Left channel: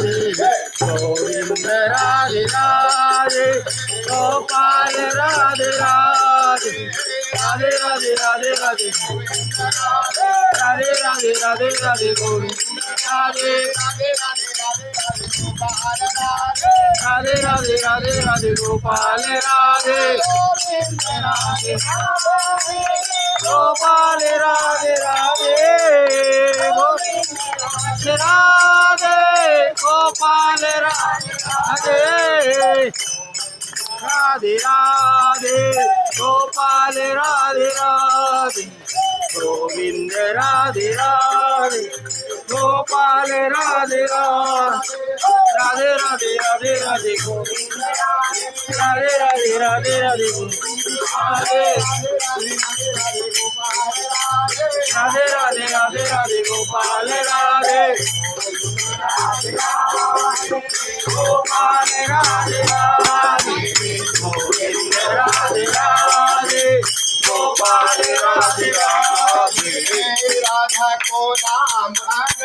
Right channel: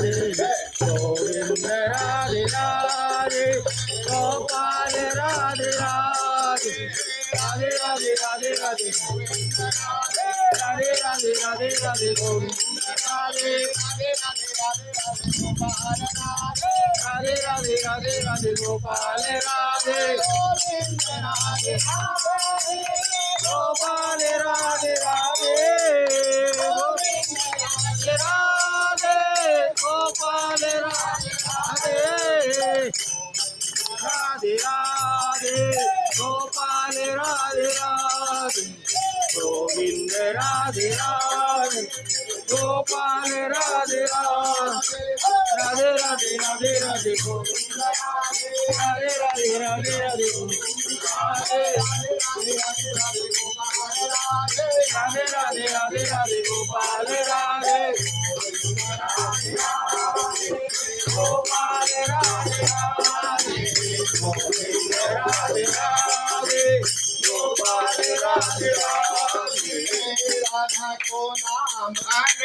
गोविंद राधे राधे गोपाल राधे राधे राधे राधे राधे राधे राधे राधे राधे राधे गोविंद राधे राधे राधे राधे राधे गोपाल राधे गोपाल राधे राधे राधे गोपाल राधे राधे राधे गोपाल राधे राधे गोविंद राधे राधे गोपाल राधे राधे राधे राधे राधे गोविंद राधे राधे राधे राधे गोविंद राधे राधे राधे राधे राधे गोपाल राधे गोपाल राधे राधे गोविंद राधे राधे गोपाल राधे राधे राधा को नाम